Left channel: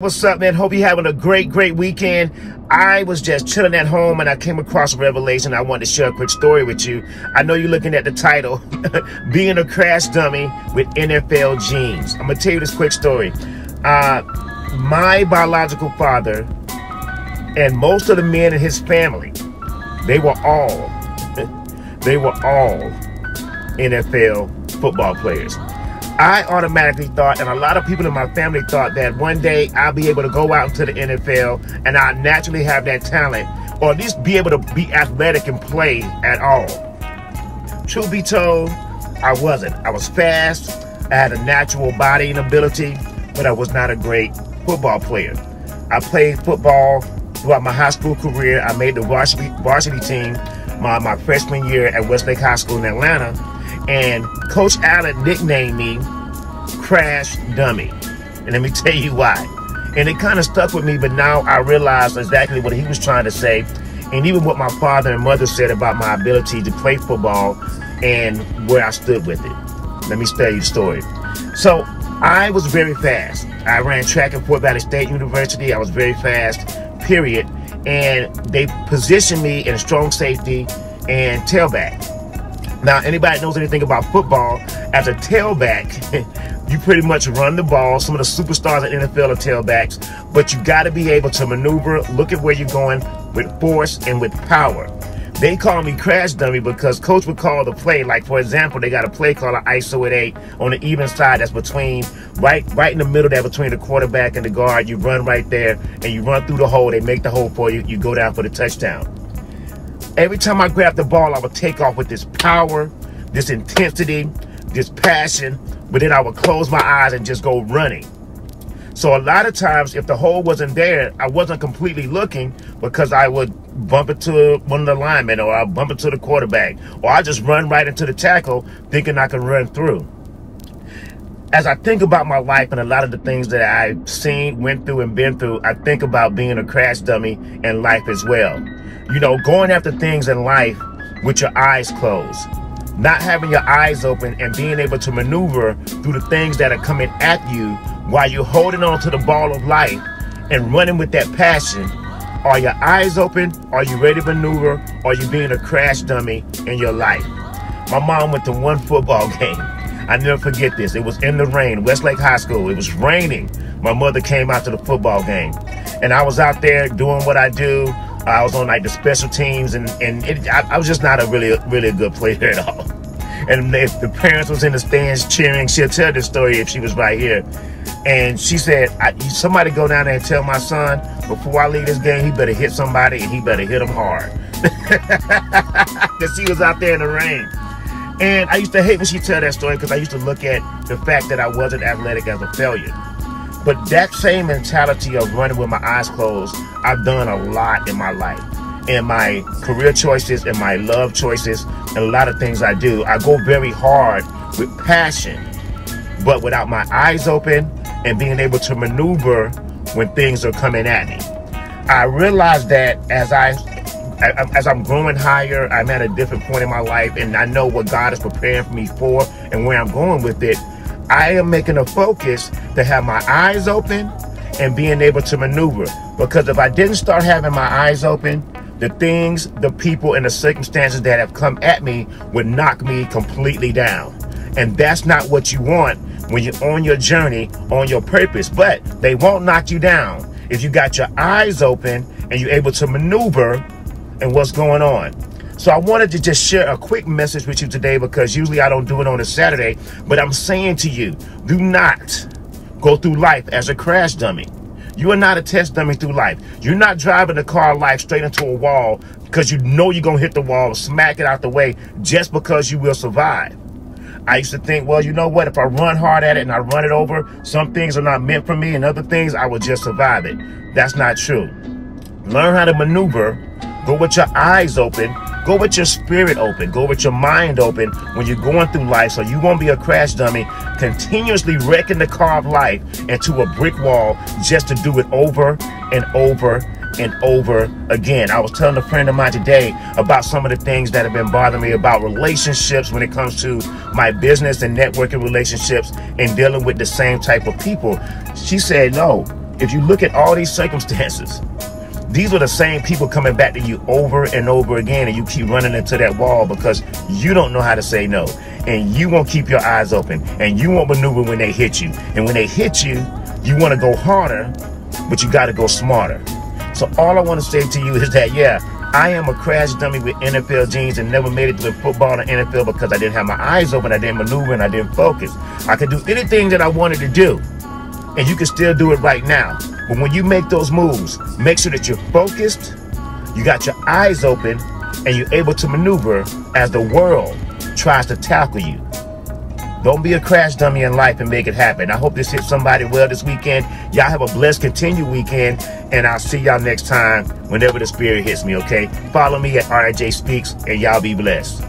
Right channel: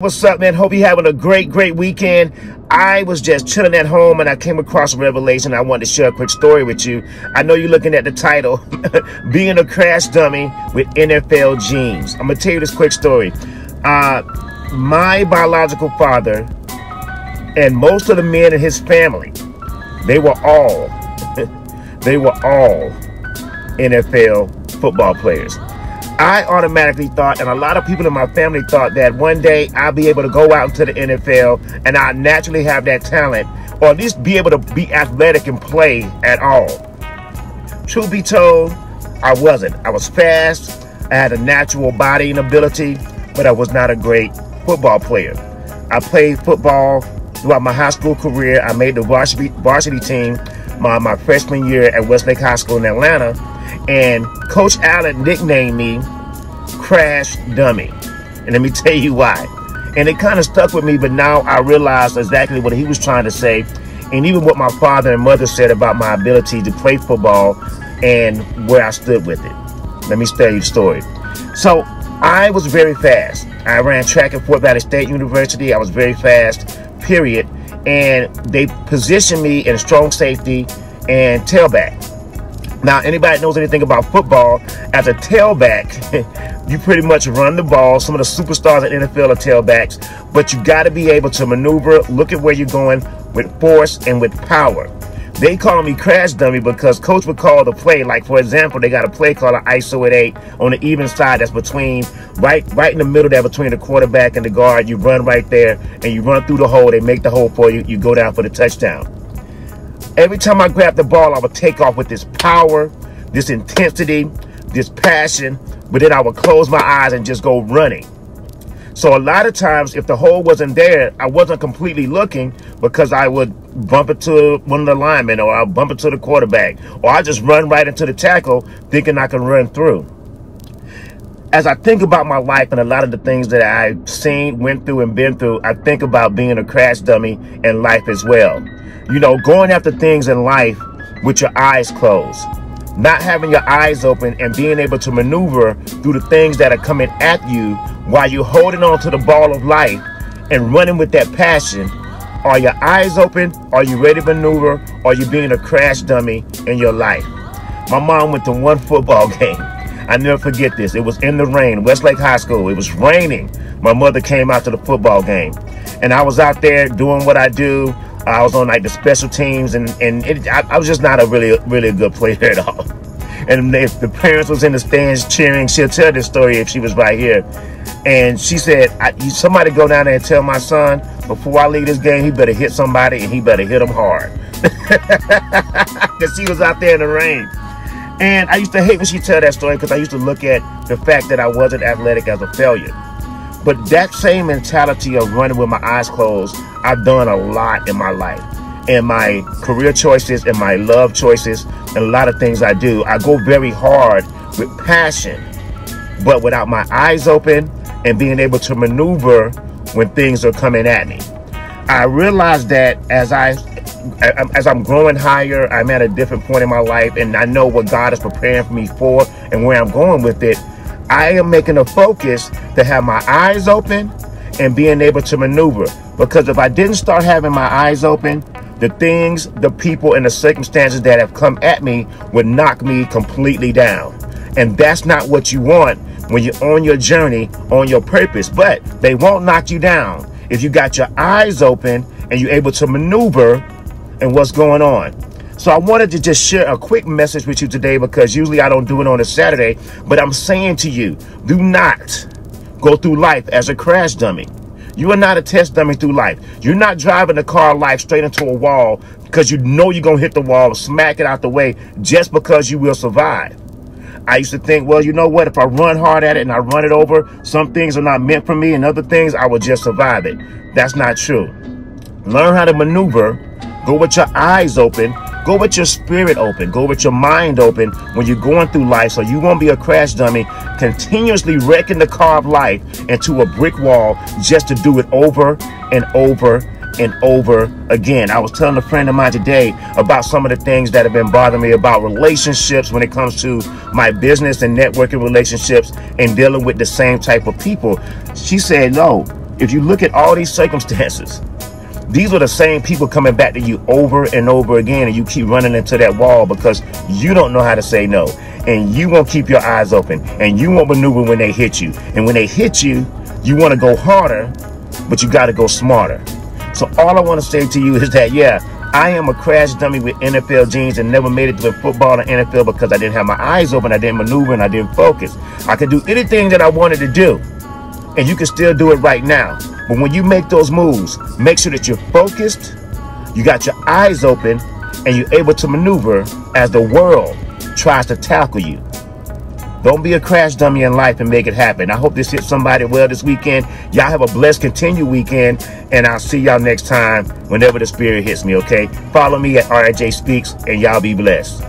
What's up, man? Hope you're having a great weekend. I was just chilling at home and I came across a revelation. I wanted to share a quick story with you. I know you're looking at the title, Being a Crash Dummy with NFL Genes. I'm going to tell you this quick story. My biological father and most of the men in his family, they were all NFL football players. I automatically thought, and a lot of people in my family thought, that one day I'll be able to go out into the NFL and I'll naturally have that talent, or at least be able to be athletic and play at all. Truth be told, I wasn't. I was fast, I had a natural bodying ability, but I was not a great football player. I played football throughout my high school career. I made the varsity team my freshman year at Westlake High School in Atlanta. And Coach Allen nicknamed me Crash Dummy. And let me tell you why. And it kind of stuck with me, but now I realize exactly what he was trying to say. And even what my father and mother said about my ability to play football and where I stood with it. Let me tell you the story. So I was very fast. I ran track at Fort Valley State University. I was very fast, period. And they positioned me in strong safety and tailback. Now, anybody that knows anything about football, as a tailback, you pretty much run the ball. Some of the superstars in the NFL are tailbacks, but you got to be able to maneuver, look at where you're going with force and with power. They call me Crash Dummy because coach would call the play. Like, for example, they got a play called an ISO at 8 on the even side that's between, right in the middle there between the quarterback and the guard. You run right there, and you run through the hole. They make the hole for you. You go down for the touchdown. Every time I grabbed the ball, I would take off with this power, this intensity, this passion, but then I would close my eyes and just go running. So a lot of times, if the hole wasn't there, I wasn't completely looking because I would bump into one of the linemen, or I'll bump into the quarterback, or I just run right into the tackle thinking I can run through. As I think about my life and a lot of the things that I've seen, went through, and been through, I think about being a crash dummy in life as well. You know, going after things in life with your eyes closed, not having your eyes open and being able to maneuver through the things that are coming at you while you're holding on to the ball of life and running with that passion. Are your eyes open? Are you ready to maneuver? Or are you being a crash dummy in your life? My mom went to one football game. I never forget this. It was in the rain, Westlake High School. It was raining. My mother came out to the football game. And I was out there doing what I do. I was on like the special teams, and I was just not a really good player at all. And if the parents was in the stands cheering, she'll tell this story if she was right here. And she said, somebody go down there and tell my son, before I leave this game, he better hit somebody, and he better hit them hard. Because he was out there in the rain. And I used to hate when she tell that story because I used to look at the fact that I wasn't athletic as a failure. But that same mentality of running with my eyes closed, I've done a lot in my life. In my career choices, in my love choices, and a lot of things I do. I go very hard with passion, but without my eyes open and being able to maneuver when things are coming at me. I realized that as I'm growing higher, I'm at a different point in my life, and I know what God is preparing for me for and where I'm going with it. I am making a focus to have my eyes open and being able to maneuver. Because if I didn't start having my eyes open, the things, the people, and the circumstances that have come at me would knock me completely down. And that's not what you want when you're on your journey, on your purpose. But they won't knock you down if you got your eyes open and you're able to maneuver in what's going on. So I wanted to just share a quick message with you today, because usually I don't do it on a Saturday, but I'm saying to you, do not go through life as a crash dummy. You are not a test dummy through life. You're not driving the car of life straight into a wall because you know you're going to hit the wall, smack it out the way just because you will survive. I used to think, well, you know what? If I run hard at it and I run it over, some things are not meant for me, and other things I will just survive it. That's not true. Learn how to maneuver. Go with your eyes open. Go with your spirit open. Go with your mind open when you're going through life, so you won't be a crash dummy continuously wrecking the car of life into a brick wall just to do it over and over and over again. I was telling a friend of mine today about some of the things that have been bothering me about relationships when it comes to my business and networking relationships and dealing with the same type of people. She said, no, if you look at all these circumstances, these are the same people coming back to you over and over again, and you keep running into that wall because you don't know how to say no. And you won't keep your eyes open, and you won't maneuver when they hit you. And when they hit you, you want to go harder, but you got to go smarter. So all I want to say to you is that, yeah, I am a crash dummy with NFL genes and never made it to football and NFL because I didn't have my eyes open, I didn't maneuver, and I didn't focus. I could do anything that I wanted to do, and you can still do it right now. But when you make those moves, make sure that you're focused, you got your eyes open, and you're able to maneuver as the world tries to tackle you. Don't be a crash dummy in life and make it happen. I hope this hit somebody well this weekend. Y'all have a blessed continued weekend, and I'll see y'all next time whenever the spirit hits me, okay? Follow me at RJ Speaks, and y'all be blessed.